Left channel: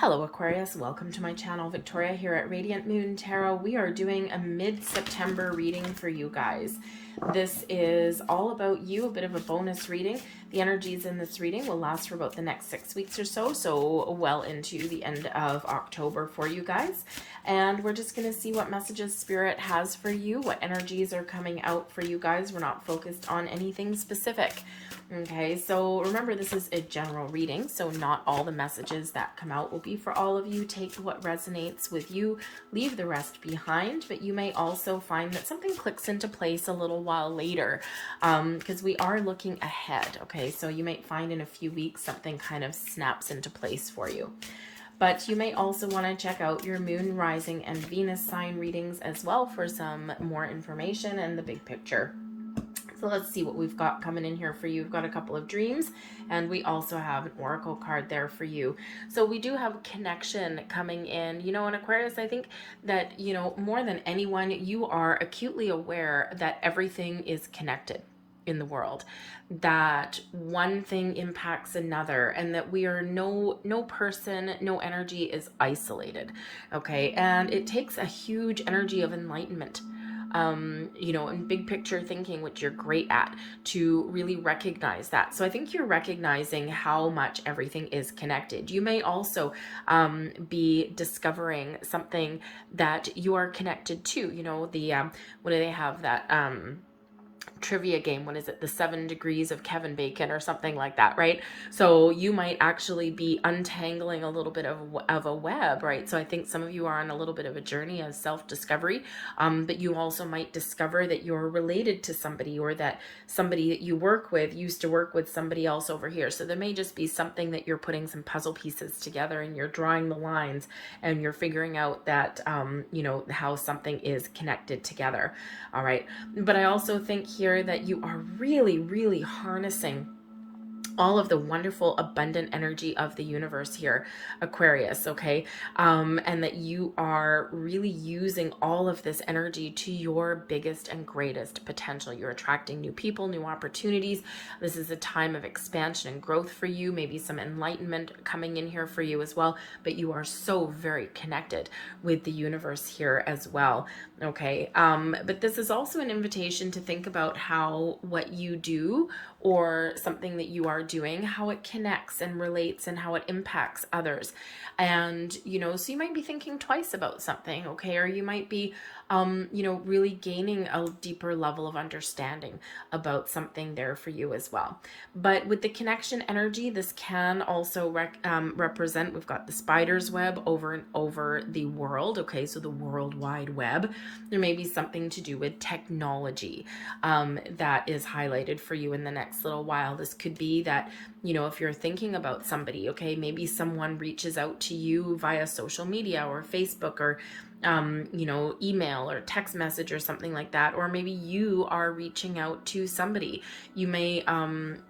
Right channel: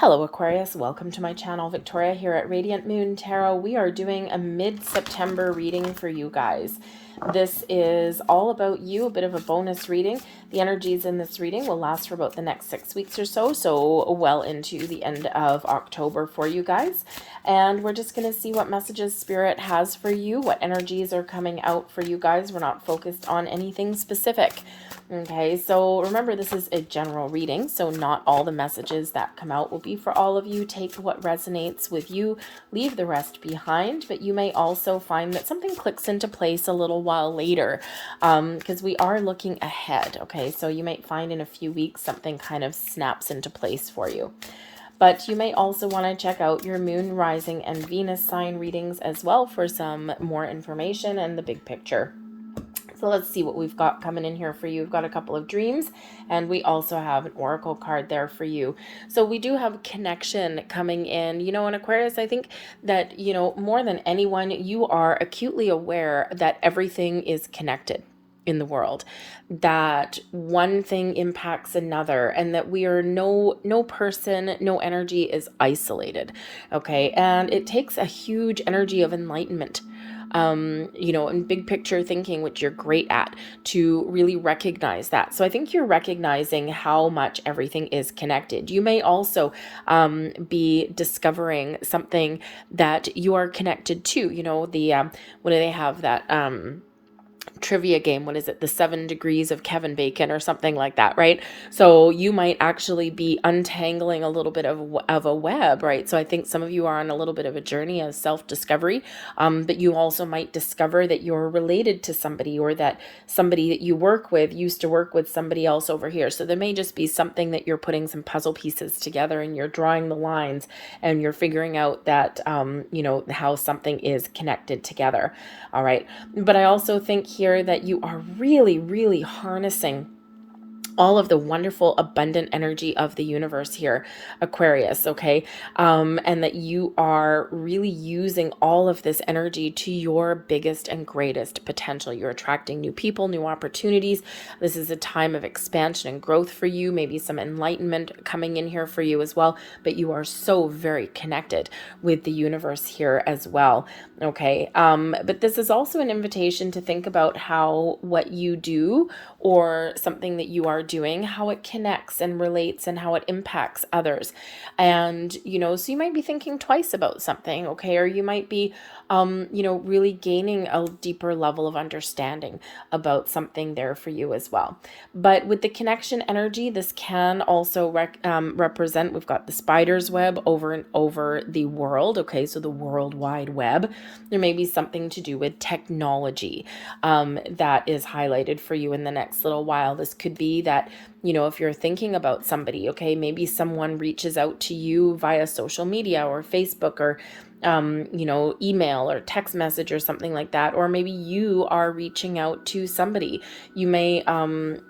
Hello Aquarius, welcome to my channel. Victoria here at Radiant Moon Tarot. We are doing a mid-September reading for you guys. This is all about you, a bit of a bonus reading. The energies in this reading will last for about the next 6 weeks or so well into the end of October for you guys. And we're just going to see what messages Spirit has for you, what energies are coming out for you guys. We're not focused on anything specific. Okay, so remember, this is a general reading, so not all the messages that come out will be for all of you. Take what resonates with you, leave the rest behind, but you may also find that something clicks into place a little while later, because we are looking ahead, okay? So you might find in a few weeks something kind of snaps into place for you. But you may also want to check out your moon, rising, and Venus sign readings as well for some more information and the big picture. So let's see what we've got coming in here for you. We've got a couple of dreams, and we also have an oracle card there for you. So we do have connection coming in. You know, in Aquarius, I think that, you know, more than anyone, you are acutely aware that everything is connected in the world, that one thing impacts another, and that we are no person, no energy is isolated. Okay, and it takes a huge energy of enlightenment, you know, and big picture thinking, which you're great at, to really recognize that. So I think you're recognizing how much everything is connected. You may also be discovering something that you are connected to. You know, the what do they have, that trivia game, what is it, the 7 degrees of Kevin Bacon or something like that, right? So you might actually be untangling a little bit of a web, right? So I think some of you are on a little bit of a journey of self-discovery, but you also might discover that you're related to somebody, or that somebody that you work with used to work with somebody else over here. So there may just be something that you're putting some puzzle pieces together, and you're drawing the lines, and you're figuring out that you know, how something is connected together. All right, but I also think here that you are really harnessing all of the wonderful abundant energy of the universe here, Aquarius, okay? And that you are really using all of this energy to your biggest and greatest potential. You're attracting new people, new opportunities. This is a time of expansion and growth for you, maybe some enlightenment coming in here for you as well, but you are so very connected with the universe here as well, okay? But this is also an invitation to think about how what you do, or something that you are doing, how it connects and relates, and how it impacts others. And, you know, so you might be thinking twice about something, okay? Or you might be, you know, really gaining a deeper level of understanding about something there for you as well. But with the connection energy, this can also represent, we've got the spider's web over and over the world, okay? So the World Wide Web. There may be something to do with technology that is highlighted for you in the next little while. This could be that, you know, if you're thinking about somebody, okay, maybe someone reaches out to you via social media or Facebook, or you know, email or text message or something like that. Or maybe you are reaching out to somebody. You may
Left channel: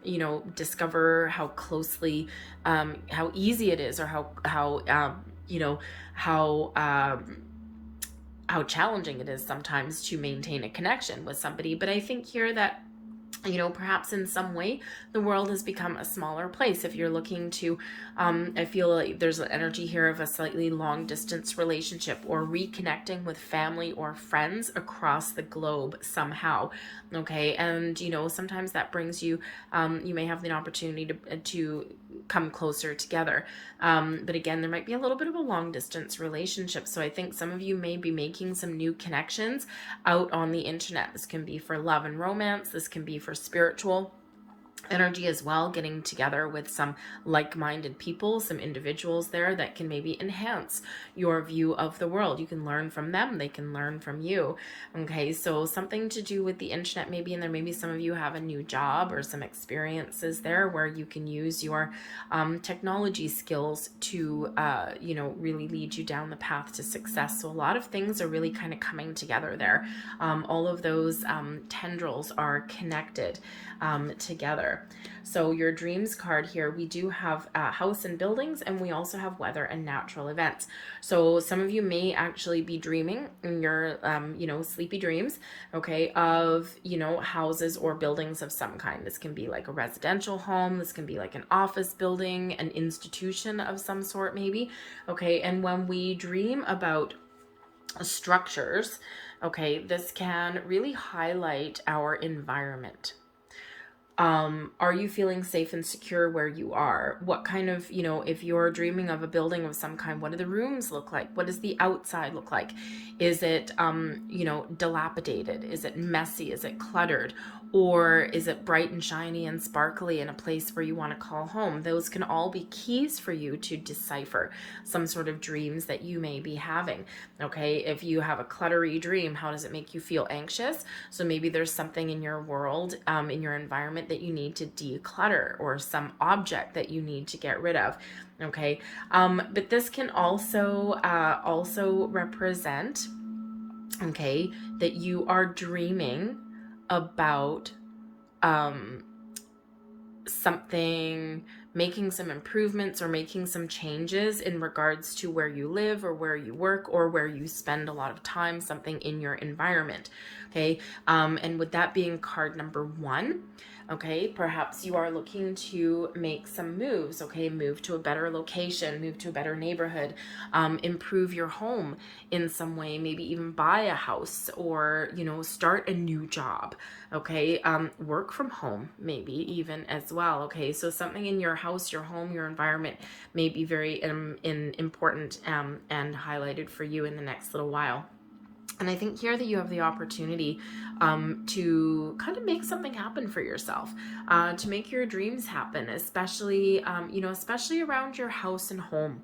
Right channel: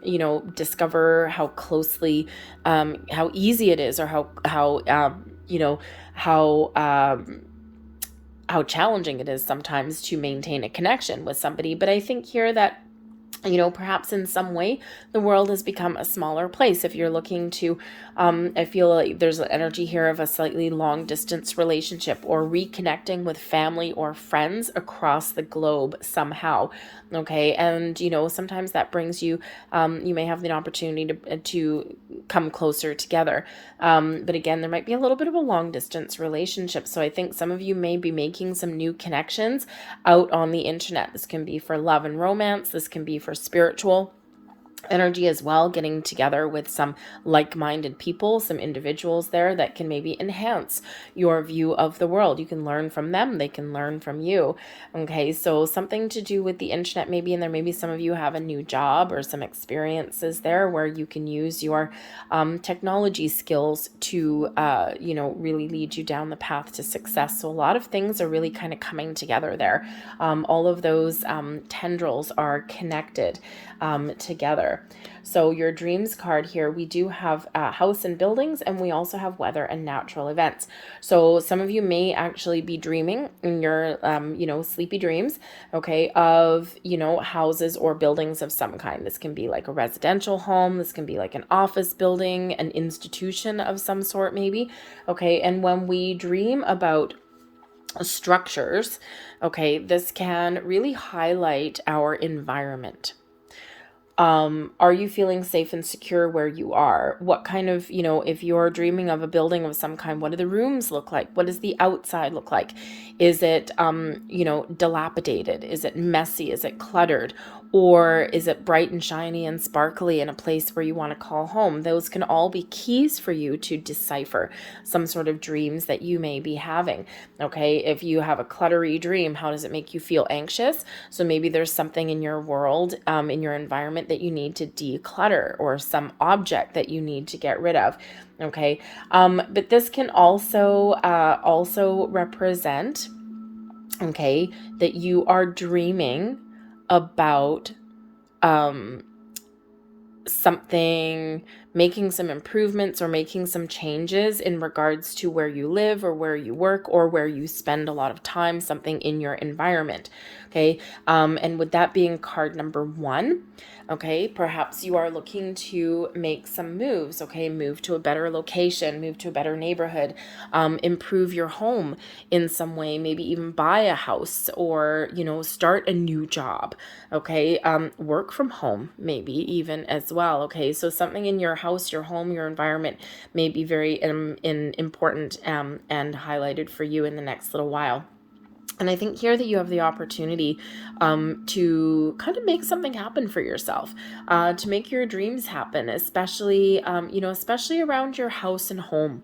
you know, discover how closely how easy it is, or how you know, how challenging it is sometimes to maintain a connection with somebody. But I think here that, you know, perhaps in some way the world has become a smaller place. If you're looking to, I feel like there's an energy here of a slightly long distance relationship, or reconnecting with family or friends across the globe somehow. Okay, and you know, sometimes that brings you, you may have the opportunity to come closer together. But again, there might be a little bit of a long distance relationship. So I think some of you may be making some new connections out on the internet. This can be for love and romance. This can be for spiritual energy as well, getting together with some like-minded people, some individuals there that can maybe enhance your view of the world. You can learn from them, they can learn from you. Okay, so something to do with the internet maybe, and there maybe some of you have a new job or some experiences there where you can use your technology skills to you know, really lead you down the path to success. So a lot of things are really kind of coming together there. All of those tendrils are connected together. here. So your dreams card here, we do have house and buildings, and we also have weather and natural events. So some of you may actually be dreaming in your, sleepy dreams, okay, of, houses or buildings of some kind. This can be like a residential home. This can be like an office building, an institution of some sort, maybe. Okay. And when we dream about structures, okay, this can really highlight our environment. Are you feeling safe and secure where you are? What kind of, if you're dreaming of a building of some kind, what do the rooms look like? What does the outside look like? Is it, dilapidated? Is it messy? Is it cluttered? Or is it bright and shiny and sparkly in a place where you want to call home? Those can all be keys for you to decipher some sort of dreams that you may be having. Okay, if you have a cluttery dream, how does it make you feel anxious? So maybe there's something in your world, in your environment that you need to declutter, or some object that you need to get rid of. Okay, but this can also represent, okay, that you are dreaming about something, making some improvements or making some changes in regards to where you live or where you work or where you spend a lot of time, something in your environment. Okay, and with that being card number 1, okay, perhaps you are looking to make some moves, okay, move to a better location, move to a better neighborhood, improve your home in some way, maybe even buy a house, or, start a new job, okay, work from home, maybe even as well, okay, so something in your house, your home, your environment may be very important and highlighted for you in the next little while. And I think here that you have the opportunity to kind of make something happen for yourself, to make your dreams happen, especially, especially around your house and home.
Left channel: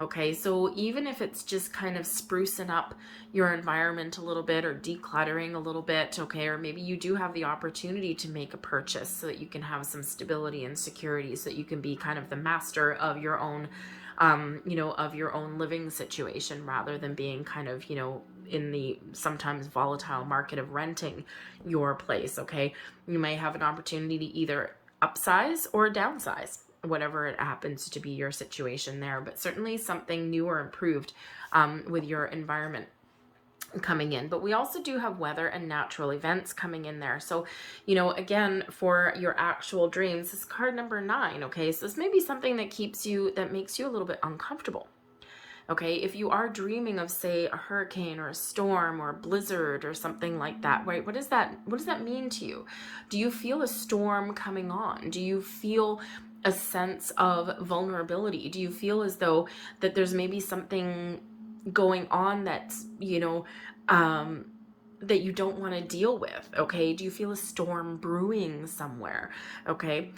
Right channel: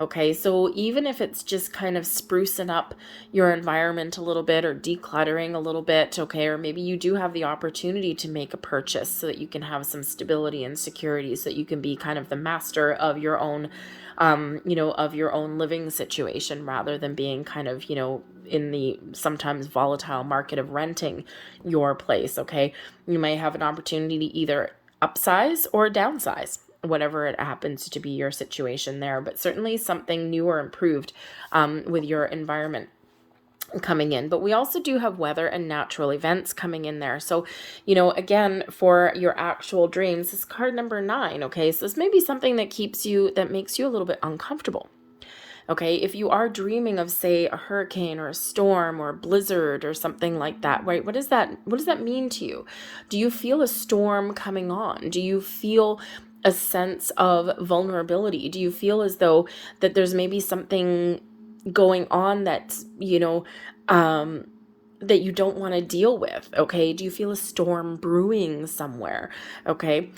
Okay, so even if it's just kind of sprucing up your environment a little bit or decluttering a little bit, okay, or maybe you do have the opportunity to make a purchase so that you can have some stability and security, so that you can be kind of the master of your own, of your own living situation, rather than being kind of, in the sometimes volatile market of renting your place, okay? You may have an opportunity to either upsize or downsize, whatever it happens to be your situation there, but certainly something new or improved with your environment coming in. But we also do have weather and natural events coming in there. So, again, for your actual dreams, this is card number 9, okay? So this may be something that makes you a little bit uncomfortable. Okay, if you are dreaming of, say, a hurricane or a storm or a blizzard or something like that, right? What does that mean to you? Do you feel a storm coming on? Do you feel a sense of vulnerability? Do you feel as though that there's maybe something going on that's, that you don't want to deal with? Okay, do you feel a storm brewing somewhere? Okay,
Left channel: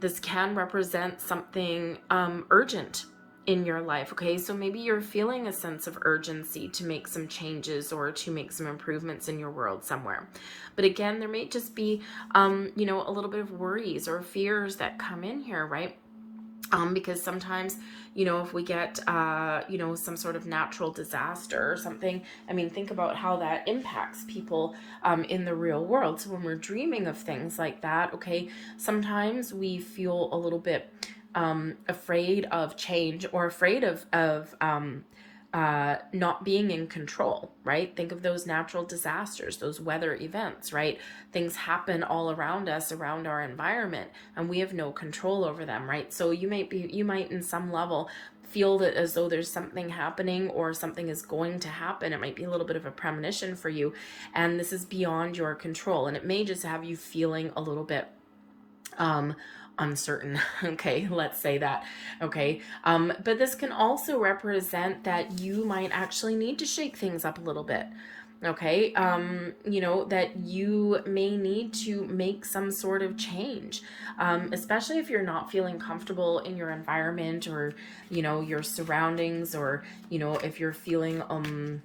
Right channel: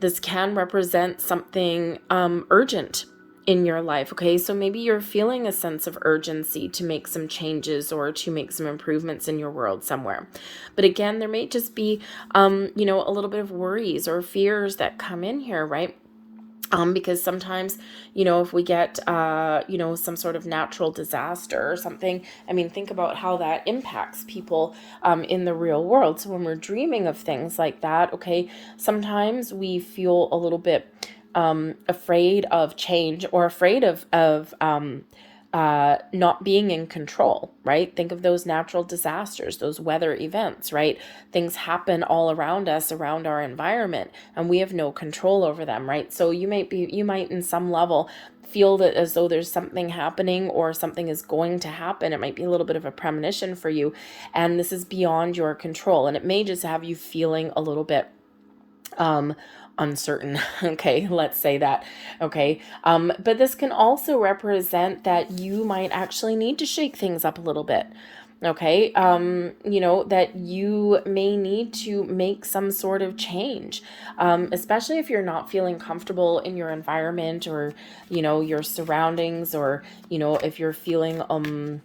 this can represent something urgent in your life. Okay, so maybe you're feeling a sense of urgency to make some changes or to make some improvements in your world somewhere. But again, there may just be a little bit of worries or fears that come in here, right? Because sometimes, if we get, some sort of natural disaster or something, I mean, think about how that impacts people in the real world. So when we're dreaming of things like that, okay, sometimes we feel a little bit afraid of change, or afraid of not being in control, right? Think of those natural disasters, those weather events, right? Things happen all around us, around our environment, and we have no control over them, right? So you might in some level feel that as though there's something happening or something is going to happen. It might be a little bit of a premonition for you, and this is beyond your control, and it may just have you feeling a little bit uncertain. Okay, let's say that. Okay, but this can also represent that you might actually need to shake things up a little bit. Okay, that you may need to make some sort of change, especially if you're not feeling comfortable in your environment, or your surroundings, or if you're feeling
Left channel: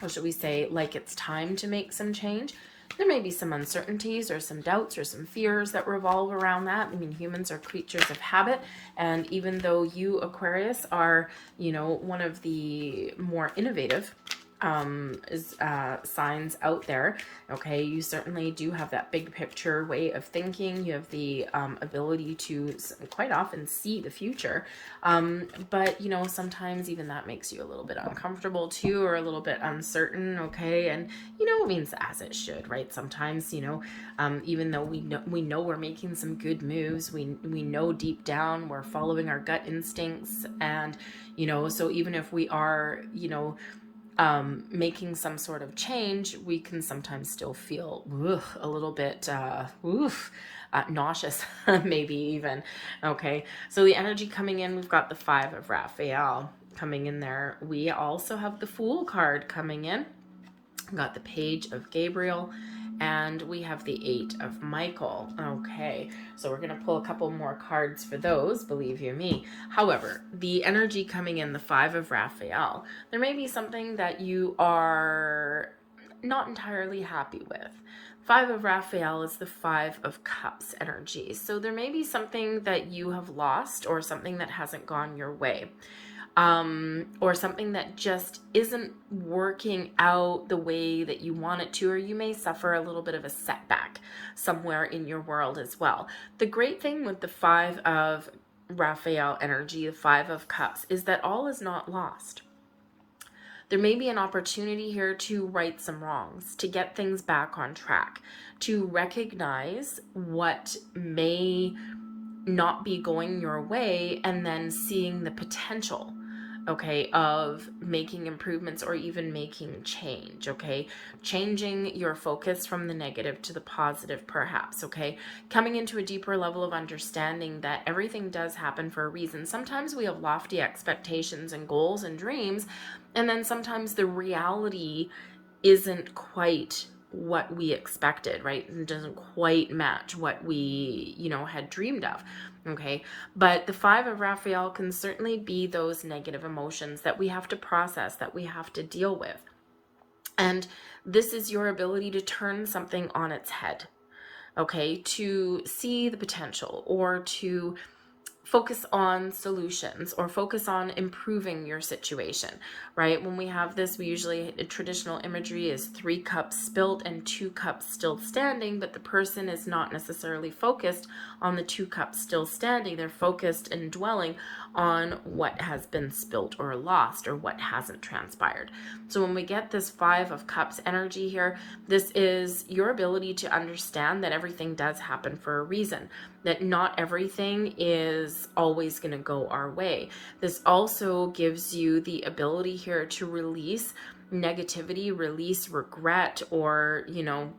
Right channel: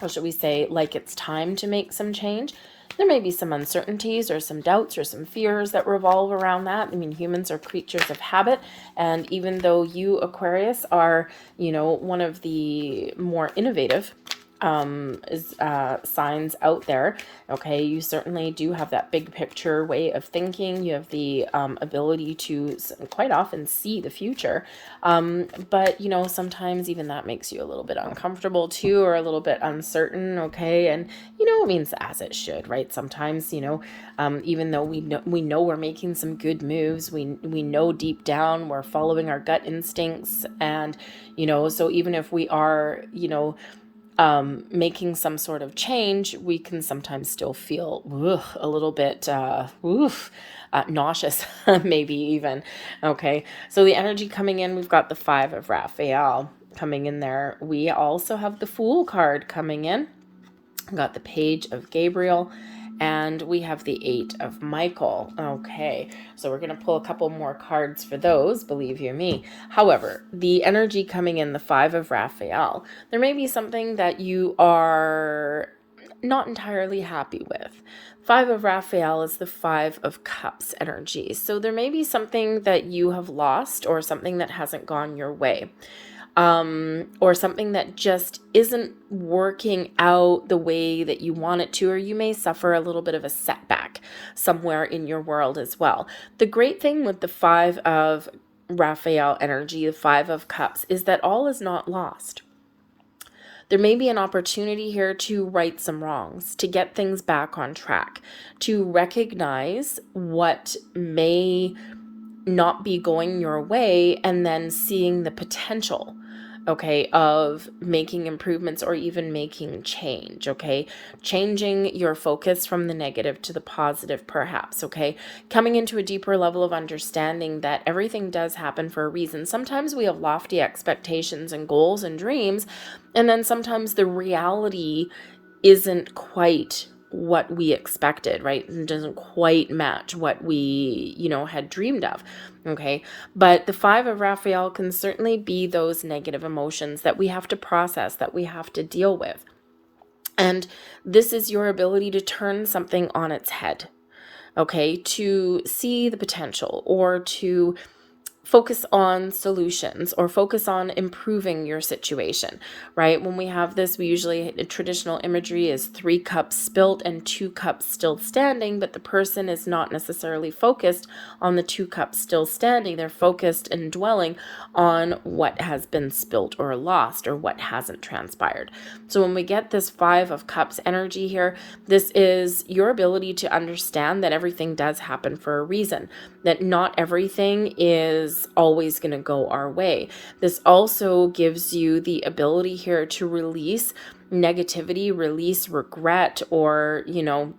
how should we say, like it's time to make some change. There may be some uncertainties or some doubts or some fears that revolve around that. I mean, humans are creatures of habit. And even though you, Aquarius, are, one of the more innovative signs out there. Okay, you certainly do have that big picture way of thinking. You have the ability to quite often see the future. But you know, sometimes even that makes you a little bit uncomfortable too, or a little bit uncertain. Okay, and you know, it means as it should, right? Sometimes, you know, even though we know we're making some good moves, we know deep down we're following our gut instincts, and you know, so even if we are, you know, making some sort of change, we can sometimes still feel a little bit nauseous, maybe even. Okay, so the energy coming in, we've got the Five of Raphael coming in there. We also have the Fool card coming in. We've got the Page of Gabriel, and we have the Eight of Michael. Okay, so we're going to pull a couple more cards for those, believe you me. However, the energy coming in, the Five of Raphael, there may be something that you are not entirely happy with. Five of Raphael is the Five of Cups energy. So there may be something that you have lost, or something that hasn't gone your way. Or something that just isn't working out the way that you want it to, or you may suffer a little bit of a setback somewhere in your world as well. The great thing with the Five of Raphael energy, the Five of Cups, is that all is not lost. There may be an opportunity here to right some wrongs, to get things back on track, to recognize what may not be going your way, and then seeing the potential, okay, of making improvements or even making change, okay? Changing your focus from the negative to the positive, perhaps, okay? Coming into a deeper level of understanding that everything does happen for a reason. Sometimes we have lofty expectations and goals and dreams, and then sometimes the reality isn't quite what we expected, right? It doesn't quite match what we, you know, had dreamed of. Okay. But the Five of Raphael can certainly be those negative emotions that we have to process, that we have to deal with. And this is your ability to turn something on its head. Okay. To see the potential, or to focus on solutions, or focus on improving your situation, right? When we have this, we usually, traditional imagery is 3 cups spilt and 2 cups still standing, but the person is not necessarily focused on the 2 cups still standing. They're focused and dwelling on what has been spilt or lost, or what hasn't transpired. So when we get this Five of Cups energy here, this is your ability to understand that everything does happen for a reason, that not everything is always going to go our way. This also gives you the ability here to release negativity, release regret, or, you know,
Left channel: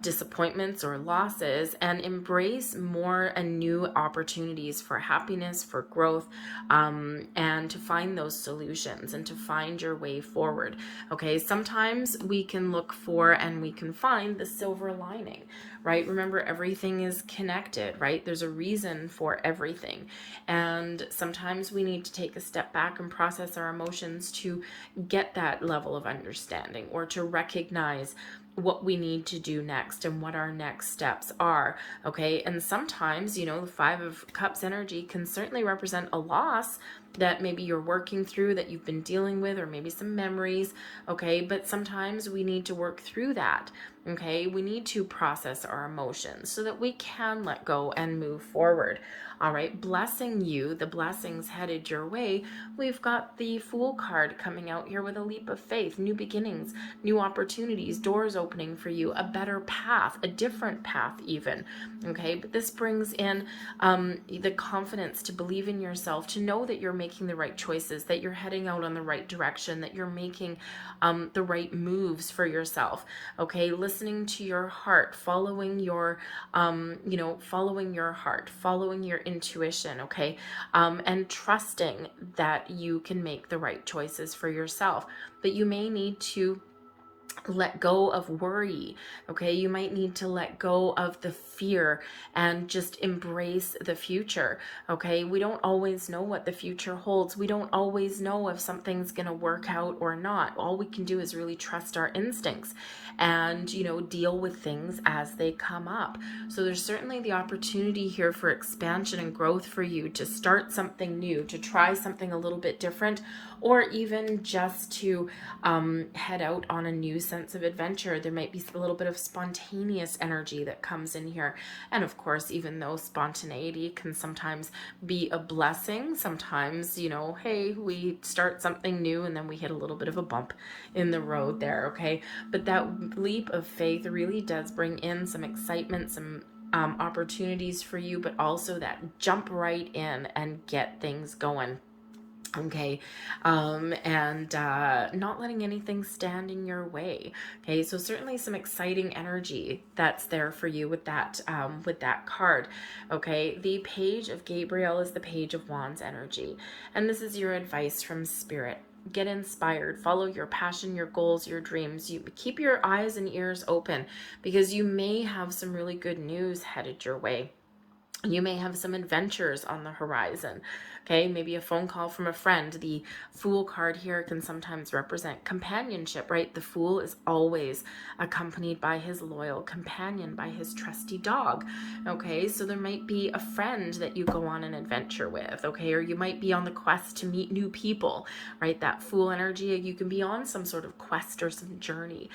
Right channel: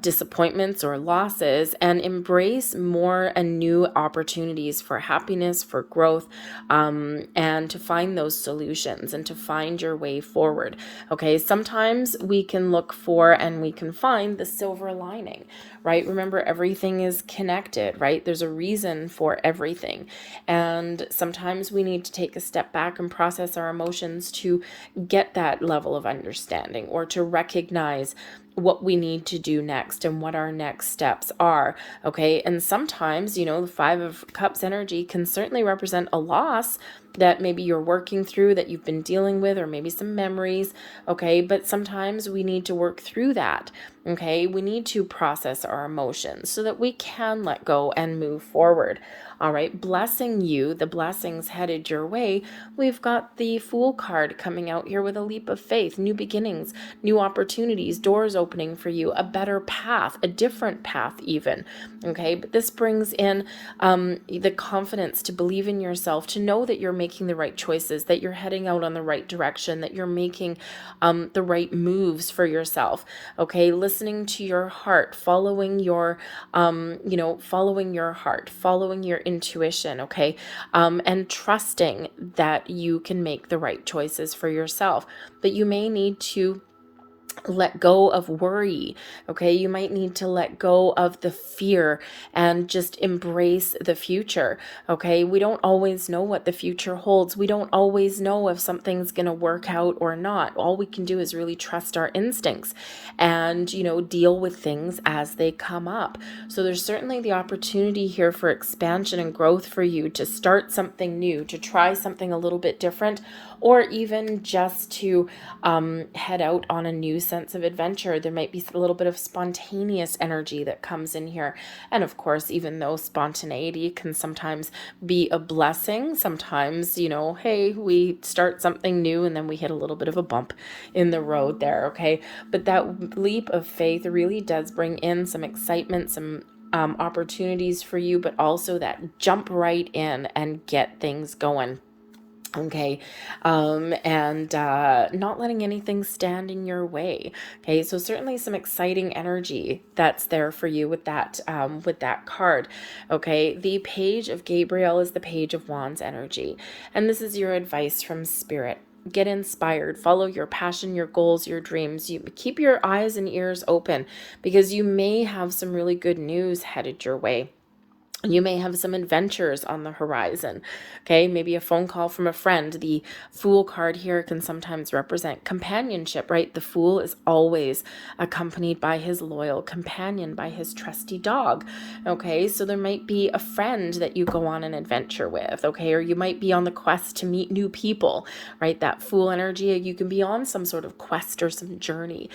disappointments or losses, and embrace more and new opportunities for happiness, for growth, and to find those solutions and to find your way forward. Okay, sometimes we can look for and we can find the silver lining, right? Remember, everything is connected, right? There's a reason for everything. And sometimes we need to take a step back and process our emotions to get that level of understanding, or to recognize what we need to do next and what our next steps are. Okay. And sometimes, you know, the Five of Cups energy can certainly represent a loss that maybe you're working through, that you've been dealing with, or maybe some memories. Okay. But sometimes we need to work through that. Okay. We need to process our emotions so that we can let go and move forward. All right, blessing you, the blessings headed your way. We've got the Fool card coming out here with a leap of faith, new beginnings, new opportunities, doors opening for you, a better path, a different path even. Okay, but this brings in the confidence to believe in yourself, to know that you're making the right choices, that you're heading out on the right direction, that you're making the right moves for yourself. Okay, listening to your heart, following your, following your heart, following your intuition, okay, and trusting that you can make the right choices for yourself. But you may need to let go of worry. Okay, you might need to let go of the fear and just embrace the future. Okay, we don't always know what the future holds. We don't always know if something's going to work out or not. All we can do is really trust our instincts and, you know, deal with things as they come up. So there's certainly the opportunity here for expansion and growth for you to start something new, to try something a little bit different, or even just to head out on a new sense of adventure. There might be a little bit of spontaneous energy that comes in here. And of course, even though spontaneity can sometimes be a blessing, sometimes, hey, we start something new and then we hit a little bit of a bump in the road there, okay? But that leap of faith really does bring in some excitement, some opportunities for you, but also that jump right in and get things going. Okay. And not letting anything stand in your way. Okay. So certainly some exciting energy that's there for you with that card. Okay. The Page of Gabriel is the Page of Wands energy. And this is your advice from Spirit. Get inspired, follow your passion, your goals, your dreams. You keep your eyes and ears open, because you may have some really good news headed your way. You may have some adventures on the horizon. Okay, maybe a phone call from a friend. The Fool card here can sometimes represent companionship, right? The Fool is always accompanied by his loyal companion, by his trusty dog. Okay, so there might be a friend that you go on an adventure with, okay? Or you might be on the quest to meet new people, right? That Fool energy, you can be on some sort of quest or some journey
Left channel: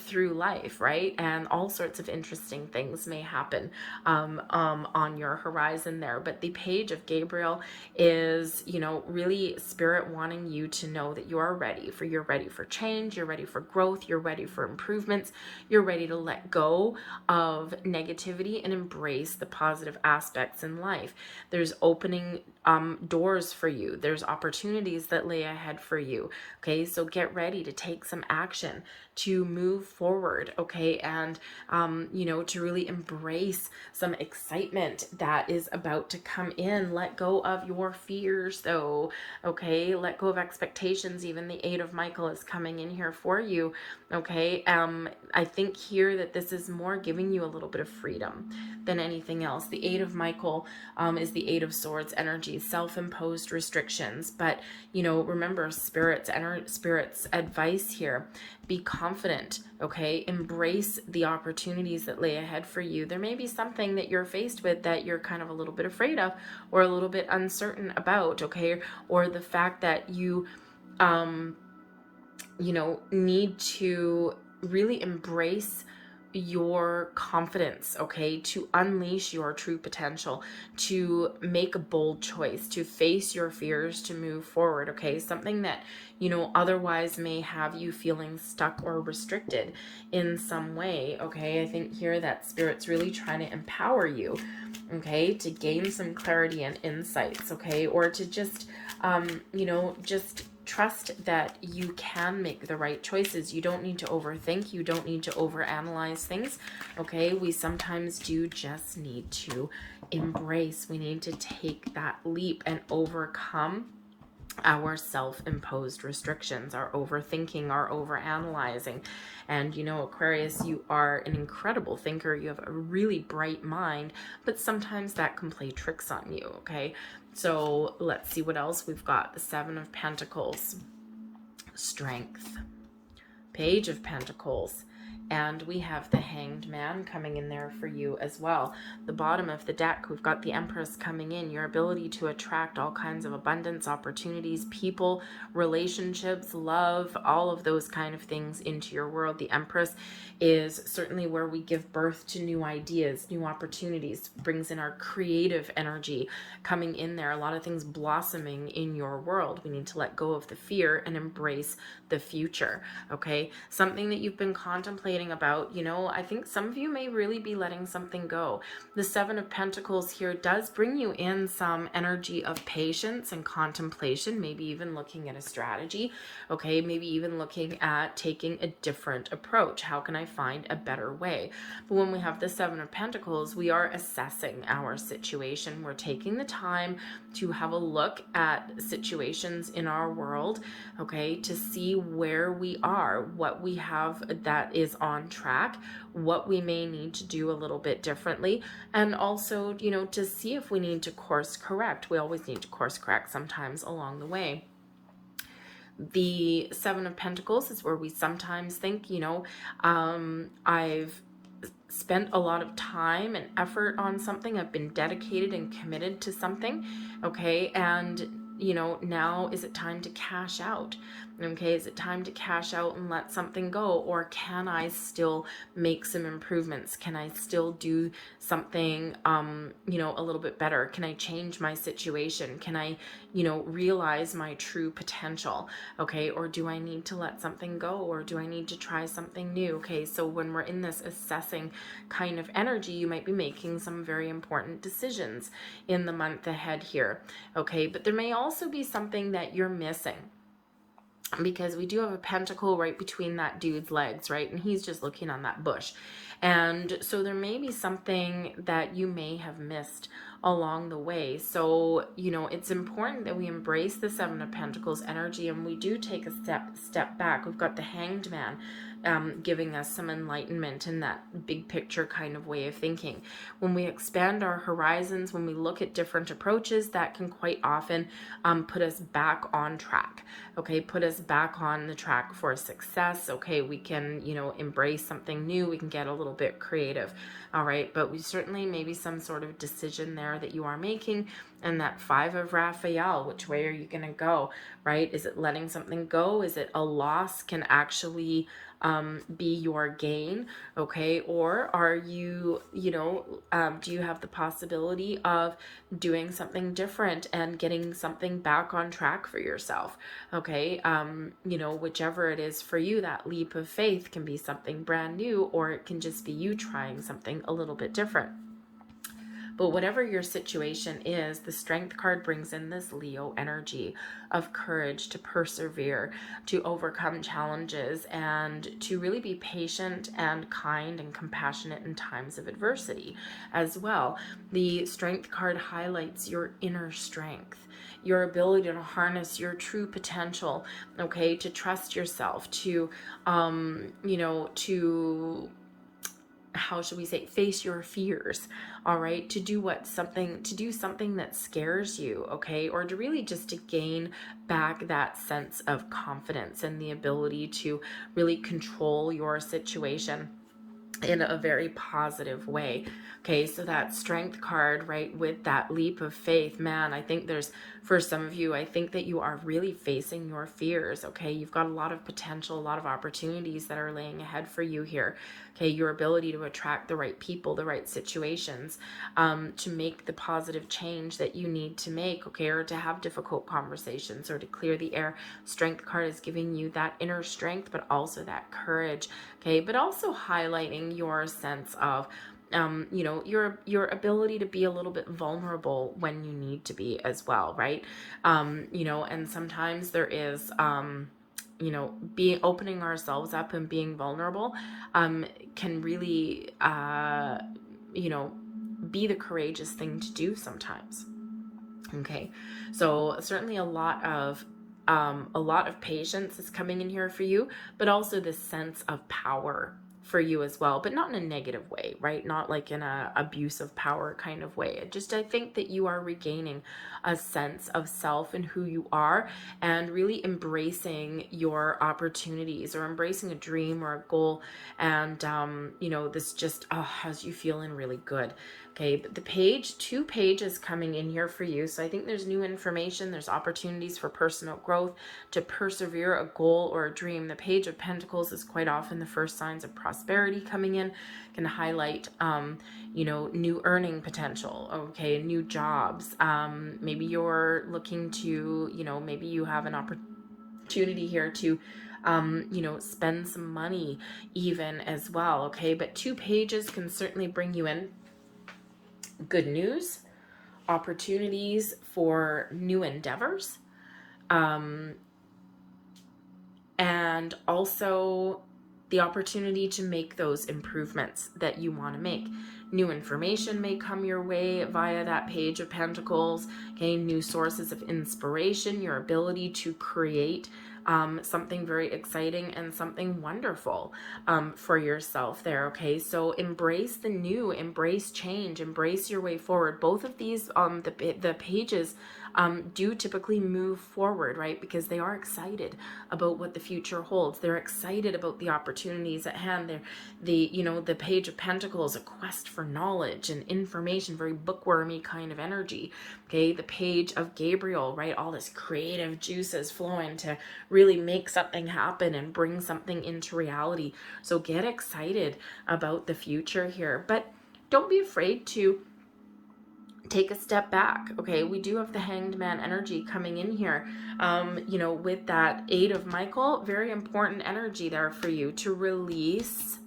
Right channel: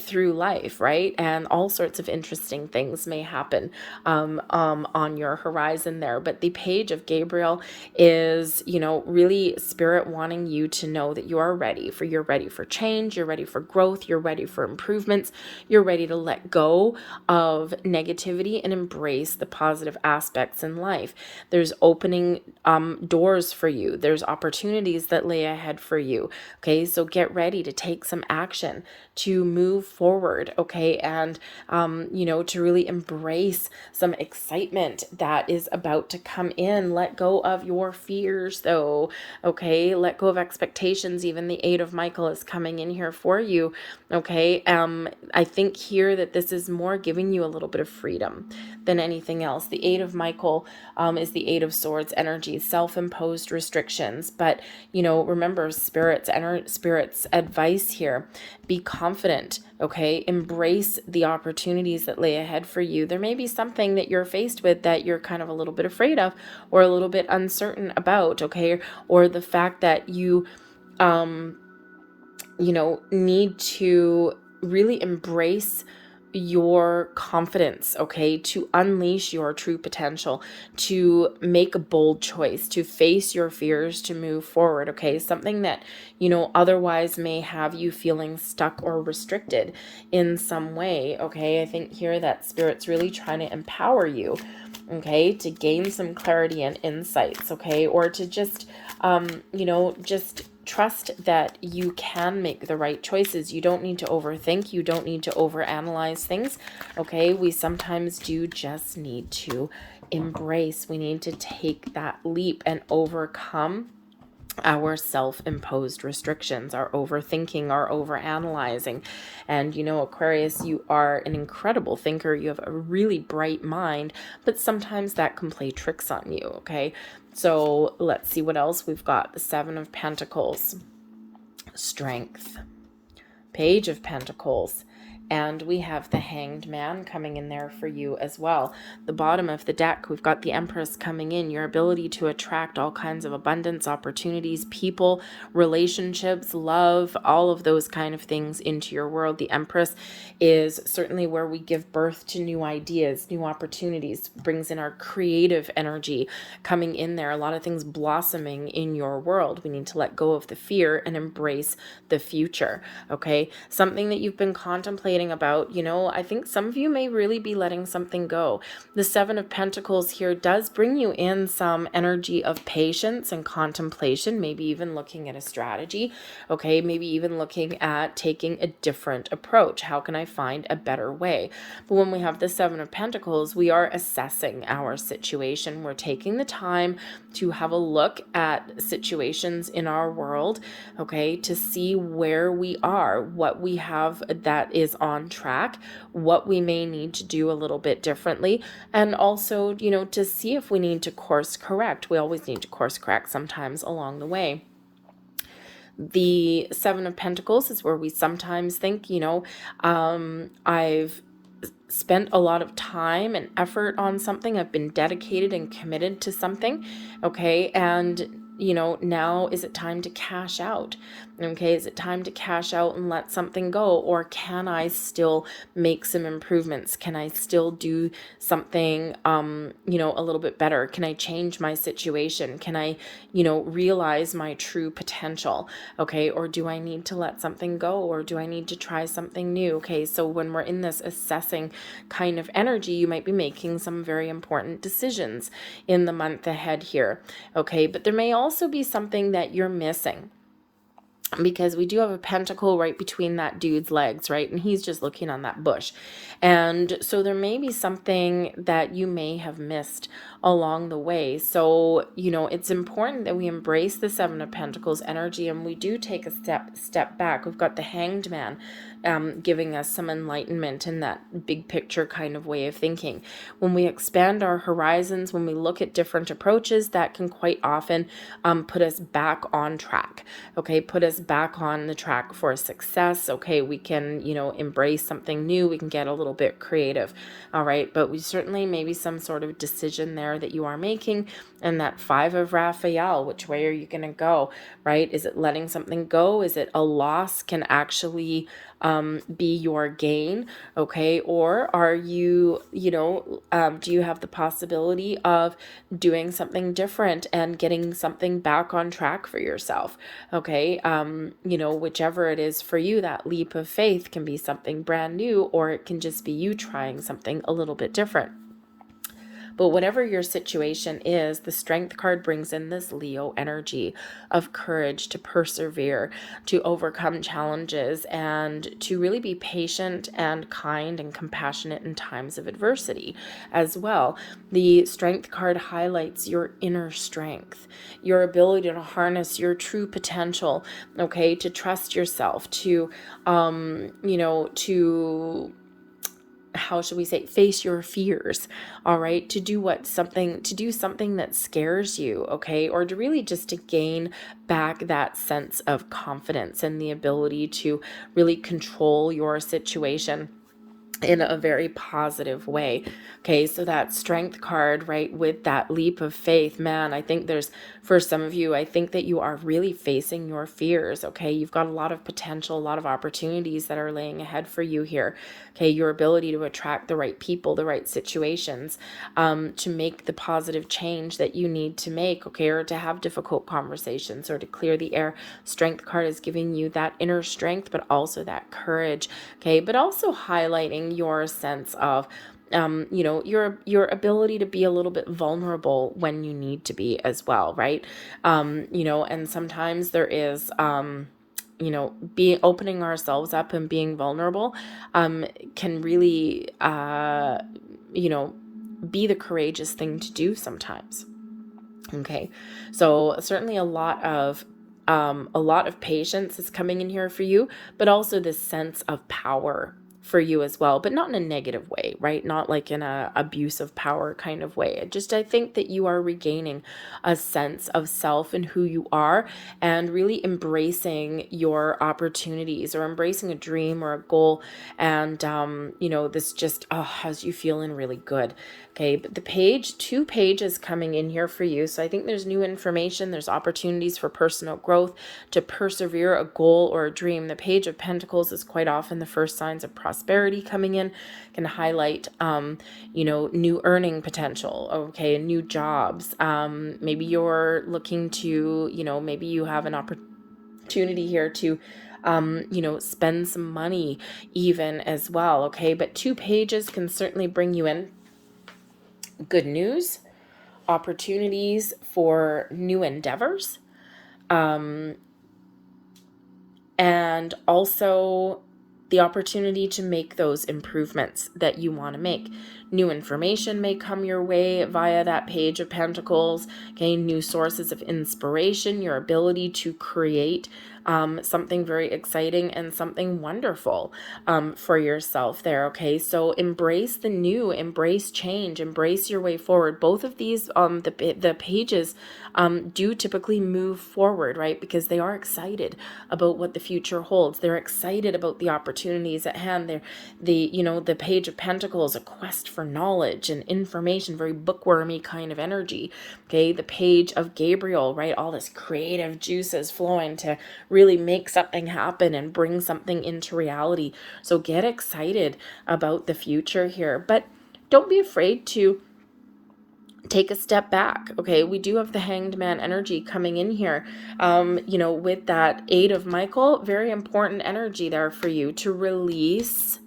through life, right? And all sorts of interesting things may happen on your horizon there. But the Page of Gabriel is, really Spirit wanting you to know that you are ready for, you're ready for change, you're ready for growth, you're ready for improvements, you're ready to let go of negativity and embrace the positive aspects in life. There's opening doors for you. There's opportunities that lay ahead for you. Okay, so get ready to take some action, to move forward, okay, and to really embrace some excitement that is about to come in. Let go of your fears, though, okay? Let go of expectations. Even the Eight of Michael is coming in here for you, okay? I think here that this is more giving you a little bit of freedom than anything else. The Eight of Michael is the Eight of Swords energy, self-imposed restrictions. But, remember Spirit's advice here. Be confident, okay? Embrace the opportunities that lay ahead for you. There may be something that you're faced with that you're kind of a little bit afraid of or a little bit uncertain about, okay? Or the fact that you, need to really embrace your confidence, okay, to unleash your true potential, to make a bold choice, to face your fears, to move forward, okay? Something that, otherwise may have you feeling stuck or restricted in some way, okay? I think here that Spirit's really trying to empower you, okay, to gain some clarity and insights, okay, or to just, just trust that you can make the right choices. You don't need to overthink. You don't need to overanalyze things. Okay, we sometimes do just need to embrace. We need to take that leap and overcome our self-imposed restrictions, our overthinking, our overanalyzing. And Aquarius, you are an incredible thinker. You have a really bright mind, but sometimes that can play tricks on you, okay? So let's see what else we've got. The Seven of Pentacles, strength, Page of Pentacles, and we have the Hanged Man coming in there for you as well. The bottom of the deck, we've got the Empress coming in, your ability to attract all kinds of abundance, opportunities, people, relationships, love, all of those kind of things into your world. The Empress is certainly where we give birth to new ideas, new opportunities, brings in our creative energy coming in there, a lot of things blossoming in your world. We need to let go of the fear and embrace the future, okay? Something that you've been contemplating about, I think some of you may really be letting something go. The Seven of Pentacles here does bring you in some energy of patience and contemplation, maybe even looking at a strategy, okay? Maybe even looking at taking a different approach. How can I find a better way? But when we have the Seven of Pentacles, we are assessing our situation. We're taking the time to have a look at situations in our world, okay, to see where we are, what we have that is on track, what we may need to do a little bit differently, and also, to see if we need to course correct. We always need to course correct sometimes along the way. The Seven of Pentacles is where we sometimes think, I've spent a lot of time and effort on something. I've been dedicated and committed to something, okay? And now is it time to cash out? Okay, is it time to cash out and let something go? Or can I still make some improvements? Can I still do something, a little bit better? Can I change my situation? Can I, realize my true potential? Okay, or do I need to let something go? Or do I need to try something new? Okay, so when we're in this assessing kind of energy, you might be making some very important decisions in the month ahead here. Okay, but there may also be something that you're missing, because we do have a pentacle right between that dude's legs, right? And he's just looking on that bush. And so there may be something that you may have missed along the way. So, it's important that we embrace the Seven of Pentacles energy, and we do take a step back. We've got the Hanged Man giving us some enlightenment in that big picture kind of way of thinking. When we expand our horizons, when we look at different approaches, that can quite often put us back on track. Okay, put us back on the track for success. Okay, we can, embrace something new. We can get a little bit creative. All right, but we certainly maybe some sort of decision there that you are making. And that Five of Raphael, which way are you going to go, right? Is it letting something go? Is it a loss can actually be your gain? Okay, or are you, do you have the possibility of doing something different and getting something back on track for yourself? Okay, whichever it is for you, that leap of faith can be something brand new, or it can just be you trying something a little bit different. But whatever your situation is, the Strength card brings in this Leo energy of courage to persevere, to overcome challenges, and to really be patient and kind and compassionate in times of adversity as well. The Strength card highlights your inner strength, your ability to harness your true potential, okay, to trust yourself, to, how should we say, face your fears, all right, to do something that scares you, okay, or to really just to gain back that sense of confidence and the ability to really control your situation in a very positive way. Okay, so that Strength card, right, with that leap of faith, man, I think for some of you, I think that you are really facing your fears. Okay, you've got a lot of potential, a lot of opportunities that are laying ahead for you here. Okay, your ability to attract the right people, the right situations, to make the positive change that you need to make, okay, or to have difficult conversations or to clear the air. Strength card is giving you that inner strength, but also that courage, okay, but also highlighting your sense of your ability to be a little bit vulnerable when you need to be as well, right? And sometimes there is being opening ourselves up and being vulnerable can really be the courageous thing to do sometimes. Okay, so certainly a lot of patience is coming in here for you, but also this sense of power for you as well, but not in a negative way, right? Not like in a abuse of power kind of way. I think that you are regaining a sense of self and who you are, and really embracing your opportunities, or embracing a dream or a goal, and this just has you feeling really good. Okay, but two pages coming in here for you. So I think there's new information, there's opportunities for personal growth, to persevere a goal or a dream. The Page of Pentacles is quite often the first signs of prosperity coming in, can highlight, new earning potential, okay, new jobs. Maybe you're looking to, maybe you have an opportunity here to spend some money even as well, okay? But two pages can certainly bring you in good news, opportunities for new endeavors, and also the opportunity to make those improvements that you want to make. New information may come your way via that Page of Pentacles, okay? New sources of inspiration, your ability to create something very exciting and something wonderful for yourself there, okay? So embrace the new, embrace change, embrace your way forward. Both of these, the pages do typically move forward, right? Because they are excited about what the future holds. They're excited about the opportunities at hand. They're the Page of Pentacles, a quest for knowledge and information, very bookwormy kind of energy. Okay, the Page of Gabriel, right? All this creative juices flowing to really make something happen and bring something into reality. So get excited about the future here, but don't be afraid to take a step back. Okay, we do have the Hanged Man energy coming in here. With that Eight of Michael, very important energy there for you to release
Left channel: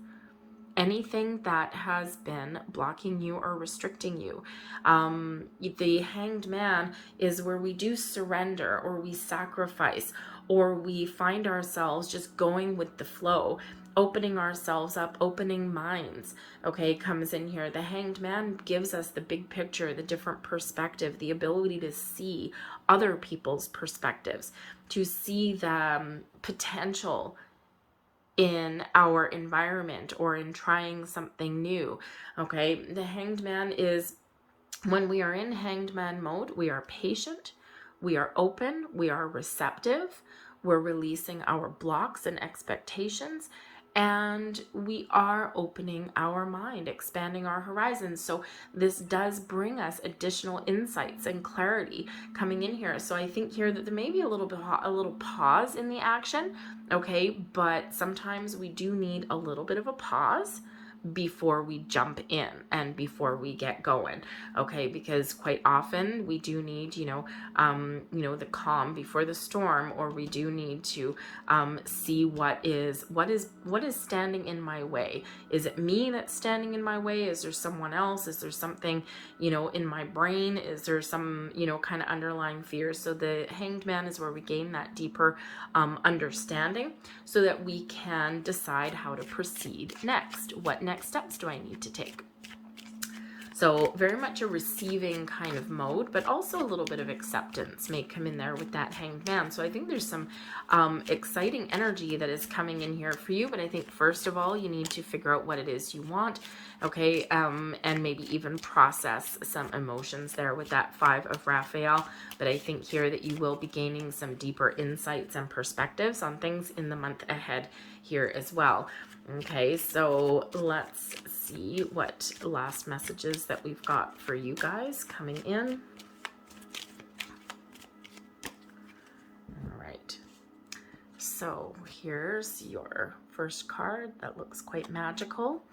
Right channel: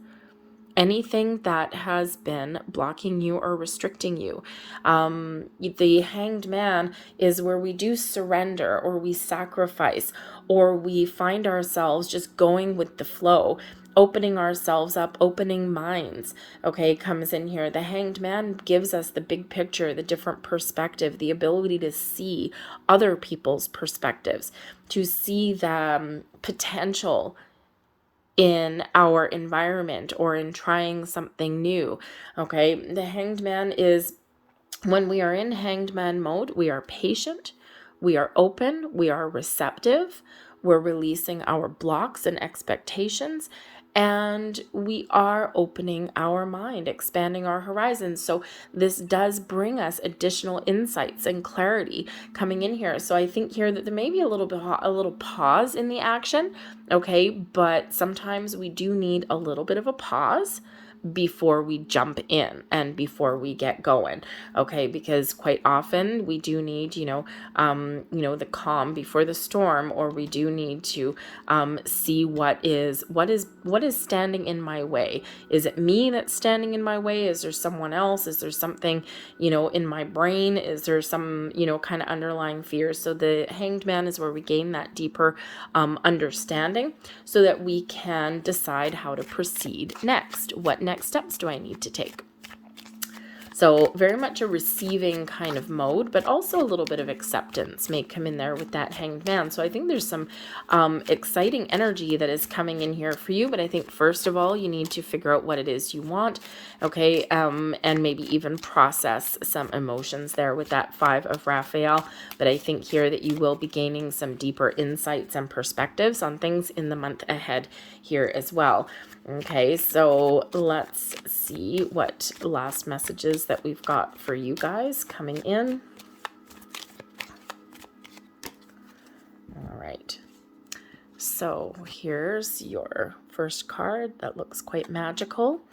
anything that has been blocking you or restricting you. The Hanged Man is where we do surrender, or we sacrifice, or we find ourselves just going with the flow, opening ourselves up, opening minds, okay, comes in here. The Hanged Man gives us the big picture, the different perspective, the ability to see other people's perspectives, to see the potential in our environment or in trying something new. Okay, the Hanged Man is, when we are in Hanged Man mode, we are patient, we are open, we are receptive, we're releasing our blocks and expectations, and we are opening our mind, expanding our horizons. So this does bring us additional insights and clarity coming in here. So I think here that there may be a little pause in the action, okay, but sometimes we do need a little bit of a pause before we jump in and before we get going, okay, because quite often we do need the calm before the storm, or we do need to see what is standing in my way. Is it me that's standing in my way? Is there someone else? Is there something in my brain? Is there some kind of underlying fears? So the Hanged Man is where we gain that deeper understanding, so that we can decide how to proceed next. What next steps do I need to take? So very much a receiving kind of mode, but also a little bit of acceptance may come in there with that Hanged Man. So I think there's some exciting energy that is coming in here for you. But I think first of all, you need to figure out what it is you want, okay, and maybe even process some emotions there with that Five of Raphael. But I think here that you will be gaining some deeper insights and perspectives on things in the month ahead here as well. Okay, so let's see what last messages that we've got for you guys coming in. All right, so here's your first card that looks quite magical,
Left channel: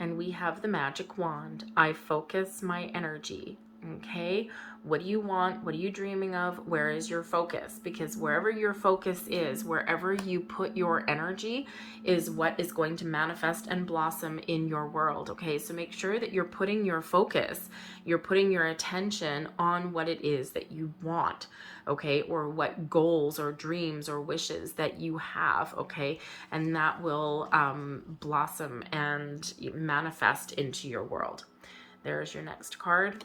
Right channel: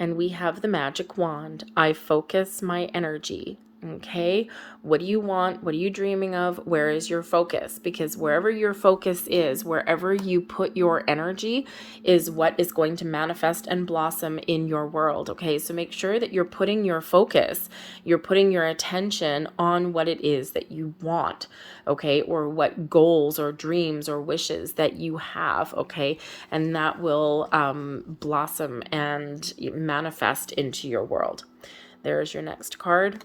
and we have the Magic Wand. I focus my energy. Okay, what do you want? What are you dreaming of? Where is your focus? Because wherever your focus is, wherever you put your energy, is what is going to manifest and blossom in your world. Okay, so make sure that you're putting your focus, you're putting your attention on what it is that you want, okay, or what goals or dreams or wishes that you have, okay, and that will blossom and manifest into your world. There's your next card.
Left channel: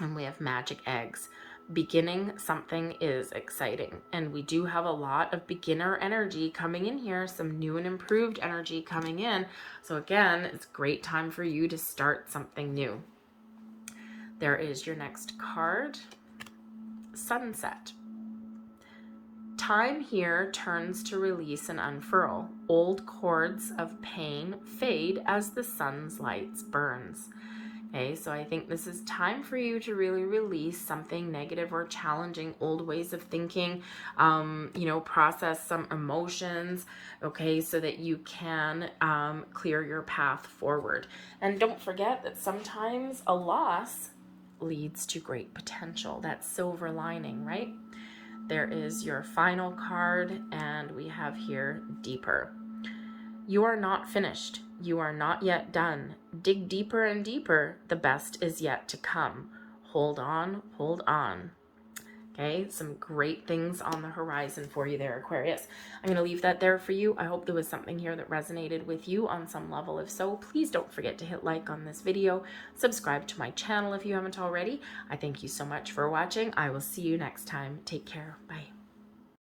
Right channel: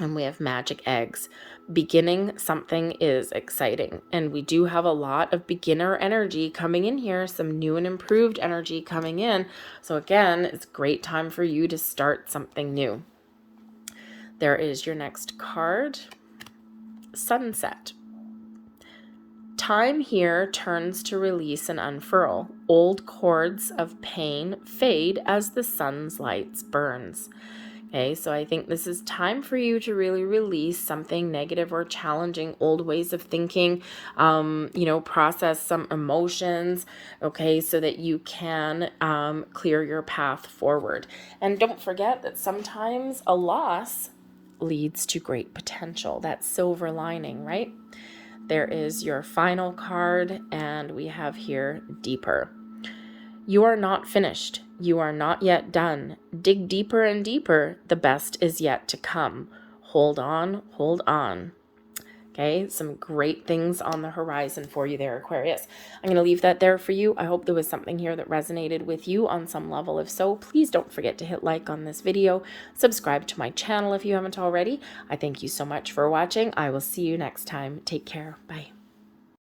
And we have Magic Eggs. Beginning something is exciting. And we do have a lot of beginner energy coming in here, some new and improved energy coming in. So again, it's a great time for you to start something new. There is your next card, Sunset. Time here turns to release and unfurl. Old cords of pain fade as the sun's lights burns. Okay, so I think this is time for you to really release something negative or challenging, old ways of thinking, process some emotions, okay, so that you can clear your path forward. And don't forget that sometimes a loss leads to great potential. That silver lining, right? There is your final card, and we have here Deeper. You are not finished. You are not yet done. Dig deeper and deeper. The best is yet to come. Hold on, hold on. Okay, some great things on the horizon for you there, Aquarius. I'm going to leave that there for you. I hope there was something here that resonated with you on some level. If so, please don't forget to hit like on this video. Subscribe to my channel if you haven't already. I thank you so much for watching. I will see you next time. Take care. Bye.